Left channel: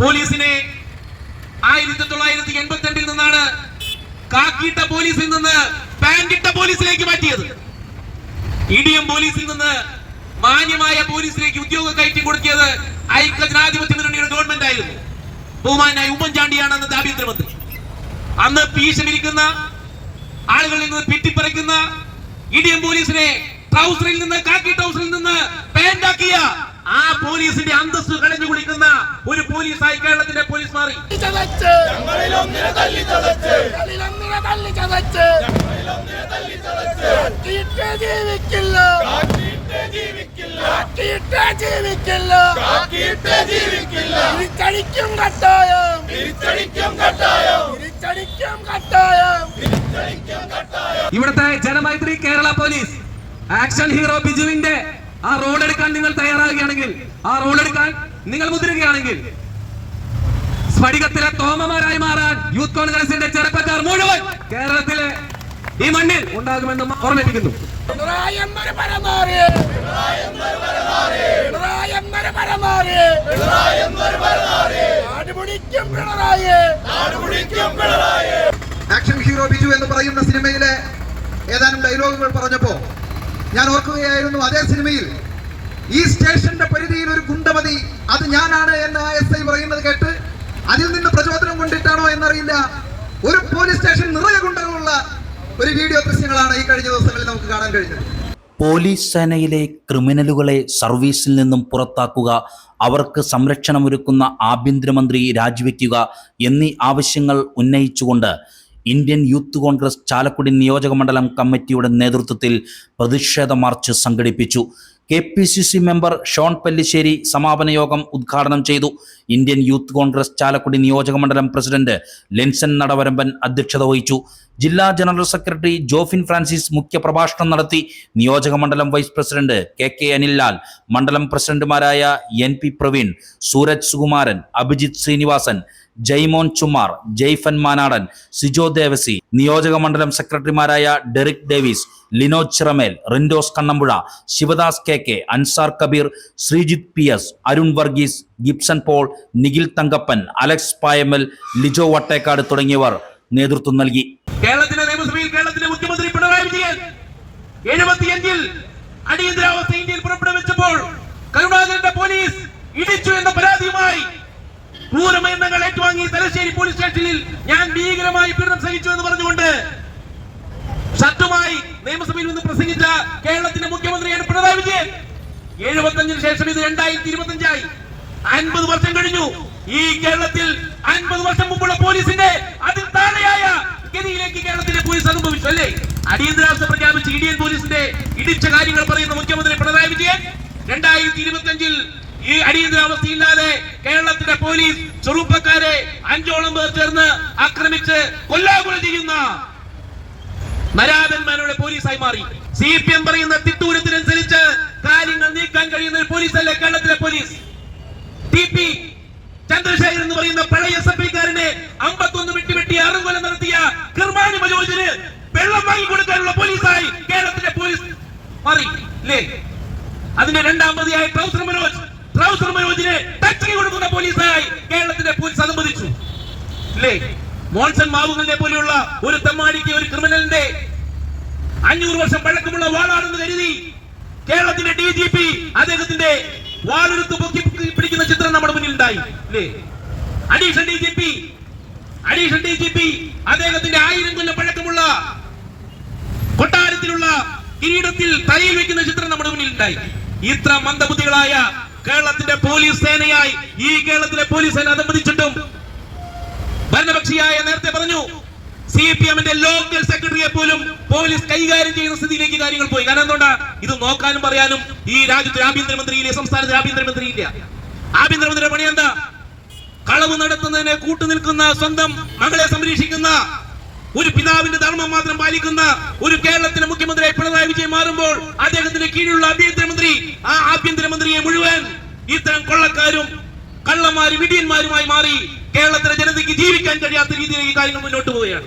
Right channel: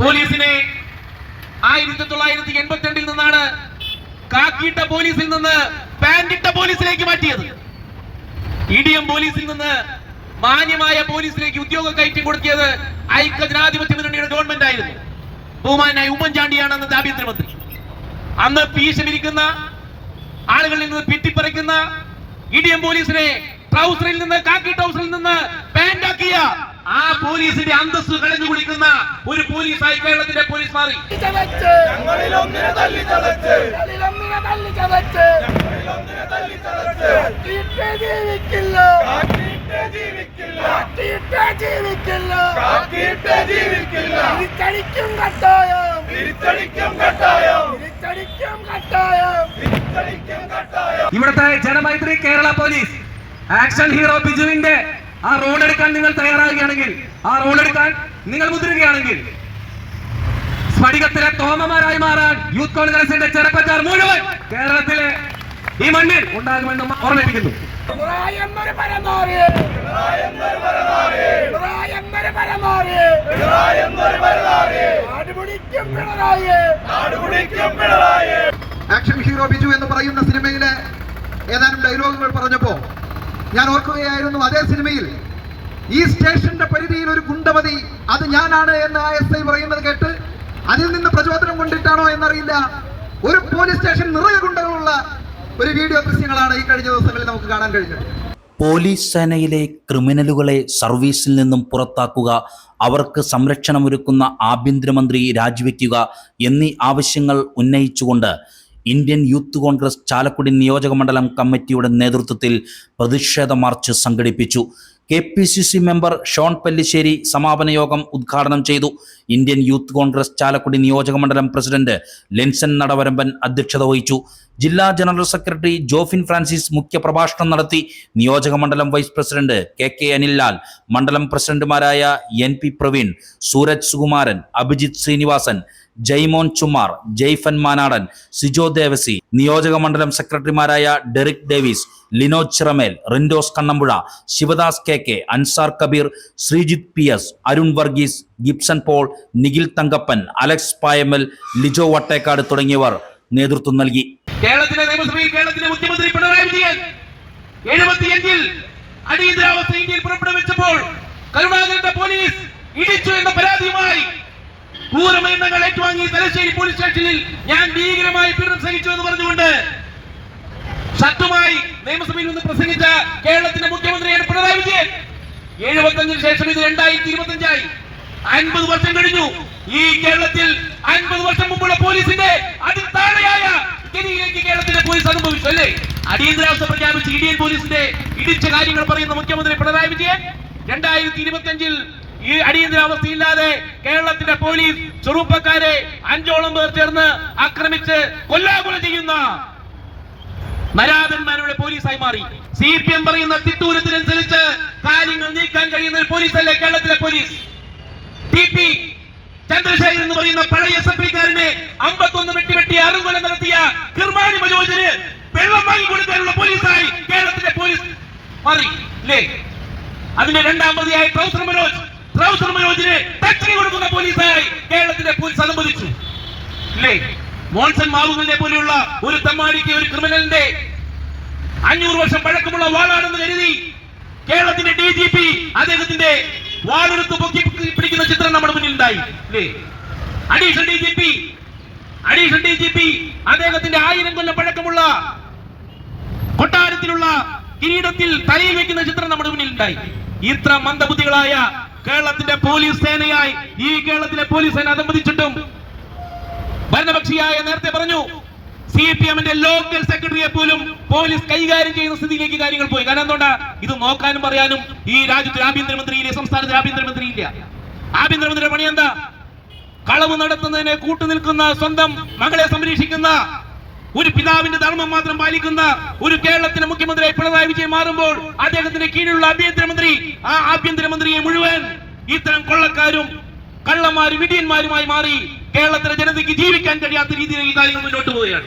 പോലീസിനെ 1982 നിന്നാണ് കാക്കിയിട്ട പോലീസിൽ നിന്ന് പാന്റിട്ട പോലീസിലേക്ക് മാറ്റിയത്. ഇടിയം പോലീസിൽ നിന്ന് മാന്യമായ പോലീസിലേക്ക് ഉദ്യോഗ കയറ്റം കൊടുക്കിയത് ഐക്യജനാധിപത്യ മുന്നണിയുടെ ഗവൺമെന്റ് ആയിരുന്നു. ബഹുമാനായ ഉമ്മൻചാണ്ടിയാണ് അന്നത്തെ ആഭ്യന്തരമന്ത്രി. അന്ന് പീശമിരിക്കുന്ന ആളുകളിൽ നിന്ന് പിറ്റിപ്പറിക്കുന്ന ഇടിയം പോലീസിനെ ട്രൗസറിൽ നിന്ന് കാക്കി ട്രൗസറിൽ നിന്ന് പാന്റാക്കിയ ആ പോലീസിന്റെ അന്തസ്സ് കളഞ്ഞു കുടിക്കുന്ന ഒരു പോലീസായി കേരളത്തിന്റെ പോലീസ് മാറി. ഇവിടുത്തെ Janamaithri Kerala police action hero ബിജുവിന്റെ ആ റോഡ് എടുക്കാൻ നിങ്ങൾ തയ്യാറാവുകയാണെങ്കിൽ, ആ റോഡ് എടുക്കാൻ നിങ്ങൾ മുതിരുകയാണെങ്കിൽ സ്ഫടികത്തിലെ തോമമാരായി മാറാൻ യൂത്ത് കോൺഗ്രസിന്റെ ചെറുപ്പക്കാർ മുഴുവൻ കേരളത്തിലെ ഈ മണ്ണിൽ ഉണ്ടാകുമെന്ന് ഓർമ്മിപ്പിക്കുന്നു. ആക്ഷൻ ഹീറോ ബിജു എന്ന് പറയുന്ന സിനിമയിലെ ഏതാനും ഡയലോഗുകൾ പറഞ്ഞപ്പോ ഞാൻ ഓർക്കുകയായിരുന്നു, അതേ സിനിമയിൽ ഈ സ്റ്റേഷന്റെ പരിധിയിൽ ഒരു ഗുണ്ടമതി അത് ഞാനാണ് എന്ന് SI പറയുന്നത് കേട്ട് അതിൽ നിന്ന് പ്രചോദനം കൊണ്ടിട്ടാണോ എന്നറിയില്ല, ഒരു പോലീസ് സ്റ്റേഷൻ നിറയെ ഗുണ്ടകളുള്ള ഒരു വീഡിയോ ദൃശ്യങ്ങളാണ് ഈ കഴിഞ്ഞ ദിവസങ്ങളിൽ നമുക്ക് കാണാൻ കഴിഞ്ഞത്. പോലീസ് സേനയിലെ ക്രിമിനലുകളെ സർവീസിൽ നിന്നും പുറത്താക്കുക, അവർക്ക് സംരക്ഷണമൊരുക്കുന്ന ആഭ്യന്തരമന്ത്രി രാജിവെക്കുക എന്നീ ആവശ്യങ്ങൾ ഉന്നയിച്ചുകൊണ്ട് ഇന്ത്യൻ യൂത്ത് കോൺഗ്രസ് ചാലക്കുടി നിയോജക മണ്ഡലം കമ്മിറ്റിയുടെ നേതൃത്വത്തിൽ പ്രതിഷേധ മാർച്ച് സംഘടിപ്പിച്ചു. KPCC മെമ്പർ ഷോൺ പല്ലിശ്ശേരി സമാപന യോഗം ഉദ്ഘാടനം ചെയ്തു. ഇന്ത്യൻ യൂത്ത് കോൺഗ്രസ് ചാലക്കുടി നിയോജക മണ്ഡലം പ്രസിഡന്റ് ലെൻസൺ നടവരമ്പൻ അധ്യക്ഷത വഹിച്ചു. ജില്ലാ ജനറൽ സെക്രട്ടറി ജോഫിൻ ഫ്രാൻസിസ് മുഖ്യപ്രഭാഷണം നടത്തി. നിയോജക മണ്ഡലം വൈസ് പ്രസിഡന്റ് KK അനിൽലാൽ, മണ്ഡലം പ്രസിഡന്റുമാരായ NP പ്രവീൺ, സൂരജ് സുകുമാരൻ, അഭിജിത്ത് ശ്രീനിവാസൻ, ജയ്മോൻ ചുമാർ, ജയ്ഫൻ മാനാടൻ, സിജോ ദേവസി, നിയോജക മണ്ഡലം സെക്രട്ടറിമാരായ Derick Davis, Linoj Chiramel, Rindos Kannampuzha, Sivadas KK, Ansar Kabeer, Sreejith PS, Arun Varghese, Gibson Paul, Nikhil Thankappan, Alex Payamal, Lijo Vattekkad തുടങ്ങിയവർ നേതൃത്വം നൽകി. കേരളത്തിലെ നിയമസഭയിൽ കേരളത്തിലെ മുഖ്യമന്ത്രി പിണറായി വിജയൻ 75-ൽ അടിയന്തരാവസ്ഥ ഇന്ത്യയിൽ പുറപ്പെടുവിച്ചപ്പോൾ കരുണാകരന്റെ പോലീസ് ഇടിച്ചു എന്ന പരാതിയുമായി ക്രൂരമരണങ്ങൾ ഏറ്റുവാങ്ങി തലശ്ശേരി പോലീസ് സ്റ്റേഷനിൽ ഞാൻ ഭീകരമായി പീഡനം സഹിച്ചു എന്ന് പറഞ്ഞുകൊണ്ട് ശക്തമായി നിയമസഭയിൽ നിന്ന് പ്രസംഗിച്ച കേരളത്തിന്റെ മുഖ്യമന്ത്രിയാണ് പിണറായി വിജയൻ. 75-ന് ശേഷം ഇത് 2025 50 വർഷം കഴിഞ്ഞു. ഈ കേരളത്തിൽ 50 വർഷം മുമ്പുള്ള പോലീസിന്റെ അതിൽ താഴെയായ ഗതിയിലേക്ക് കേരളത്തിലെ പോലീസ് അനുഭവിച്ചു അല്ലേ? അടിയന്തരാവസ്ഥ പ്രഖ്യാപിച്ച് ഇന്ത്യൻ പോലീസിന്റെ ഇടിച്ച കാര്യങ്ങൾ പറയുന്ന മുഖ്യമന്ത്രി പിണറായി വിജയൻ 2025-ൽ ഈ അടിയന്തരാവസ്ഥയില്ലാതെ കേരളത്തിന്റെ പോലീസ് ചെറുപ്പക്കാരെ 5ഓളം പേർ ചേർന്ന് ആക്രമിച്ച് കൊല്ലാകൊല ചെയ്യുന്ന നരാധന്മാരുടെ പോലീസായി മാറി. CPM പറയുന്ന തിട്ടൂരത്തിനനുസരിച്ച് കാര്യങ്ങൾ നീക്കാൻ കഴിയുന്ന പോലീസല്ലേ കേരളത്തിലെ പോലീസ്. TP ചന്ദ്രശേഖരൻ എന്ന് പറയുന്ന പഴയ SFI-കാരനെ 51 വെട്ടി അറുകൊല നടത്തിയ കിർമാണി മനോജിന് വെള്ളം വാങ്ങിക്കൊടുക്കാനുള്ള പോലീസായി കേരളത്തിലെ പോലീസ് മാറി അല്ലേ? അതിന്റെ രണ്ടാം പ്രതിയായ ട്രൗസർ മനോജിനെ ടച്ച് കൊടുക്കുന്ന പോലീസായി കേരളത്തിലെ പോലീസ് അനുവദിച്ചു അല്ലേ? മോൺസൺ മാവുവിനെ പോലെയുള്ള ഒരു തെമ്മാടിക്ക്, ഒരു ക്രിമിനലിന്റെ 500 വർഷം പഴക്കമുള്ള വാളാണെന്ന് കരുതി കേരളത്തിന്റെ DGP അദ്ദേഹത്തിന്റെ വാളെടുത്ത് പൊക്കി പിടിക്കുന്ന ചിത്രം നമ്മുടെ മുന്നിൽ ഉണ്ടായി അല്ലേ? അഡീഷണൽ DGP അദ്ദേഹത്തിന്റെ 1000 കൊല്ലം പഴക്കമുള്ള കൊട്ടാരത്തിലുള്ള കിരീടത്തിൽ തലയിൽ വെക്കുന്ന ചിത്രം നമ്മുടെ മുന്നിൽ ഉണ്ടായി. ഇത്ര മന്ദബുദ്ധികളായ കേരളത്തിന്റെ പോലീസ് സേനയായി ഈ കേരളത്തിലെ പോലീസ് സേന അതമ്പതിച്ചിട്ടും ഭരണപക്ഷിയായ നേരത്തെ പറഞ്ഞു CPM-ന്റെ ലോക്കൽ സെക്രട്ടറിയെ പോലും പോലീസ് കൈകാര്യം ചെയ്യുന്ന സ്ഥിതിയിലേക്ക് കാര്യങ്ങൾ പോയി. കാരണം എന്തുകൊണ്ടാ? ഇത് നോക്കാനും പറയാനും ഈ രാജ്യത്തെ ആഭ്യന്തരമന്ത്രിയിലെ സംസ്ഥാനത്തെ ആഭ്യന്തരമന്ത്രിയില്ല. ആഭ്യന്തരമന്ത്രിയുടെ പണി എന്താ? കളവ് നടത്തുന്നതിനെ കൂട്ടുനിൽക്കുന്ന, സ്വന്തം മകളെ സംരക്ഷിക്കുന്ന, ഒരു പിതാവിന്റെ ധർമ്മം മാത്രം പാലിക്കുന്ന ഒരു കേരളത്തിലെ മുഖ്യമന്ത്രിയായി പിണറായി വിജയൻ മാറുമ്പോൾ അദ്ദേഹത്തിന്റെ കീഴിലുള്ള ആഭ്യന്തരമന്ത്രി, ആ ആഭ്യന്തരമന്ത്രിയെ മുഴുവൻ ഇത്തരം കൊള്ളക്കാരും കള്ളന്മാരും ഇടിയന്മാരുമായി മാറി കേരളത്തിലെ ജനതയ്ക്ക് ജീവിക്കാൻ കഴിയാത്ത രീതിയിലേക്ക് കാര്യങ്ങൾ മുന്നോട്ട് പോവുകയാണ്.